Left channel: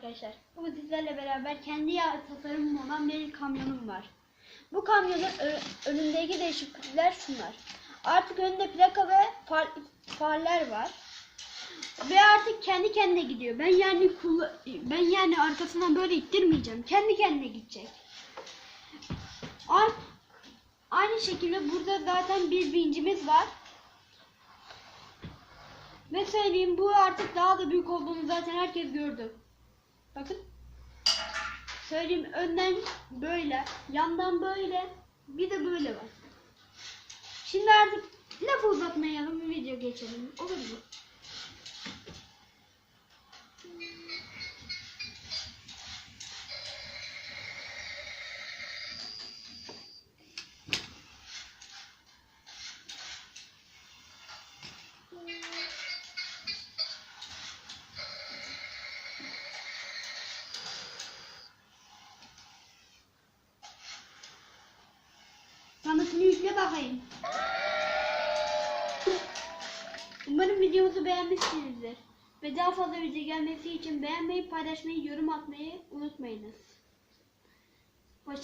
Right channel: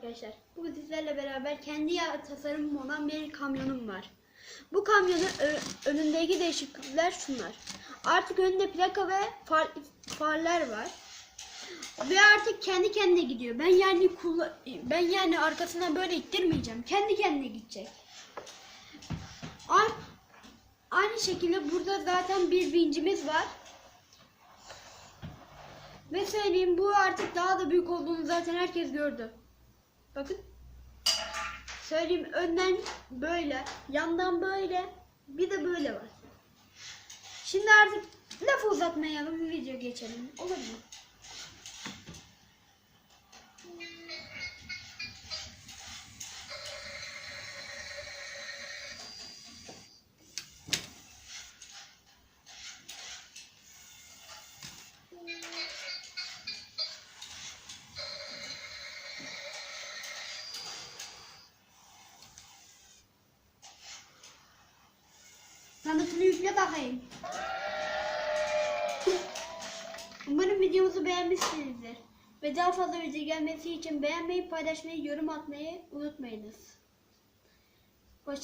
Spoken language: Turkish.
arkadaşlar. Bugün sizlerle beraber kendi tasarımım olan bir kamyonum var. Bu kamyonun önündeki değişiklikler şunlar. Artık önünde plaka ve far, farlar var. Ve artık kendi kendine gidiyor. Ben yani ben yani arkasından böyle ittirmeyeceğim. Kendi kendine gidecek. Aynı şekilde burada zaten bir vincimiz var. Ve söyleyeyim bu artık daha da büyük olduğunu zaten herkes gördü. Bakın. Söyleyeyim önden böyle, yandan böyle, bir de böyle var. Şimdi artık lafı uzatmayalım, video geçelim. Olur yükle bakayım. Umarım videomuzu beğenmişsinizdir. Ve daha fazla video gelmesi için beğenmeyi, paylaşmayı, yorum atmayı unutmayınız.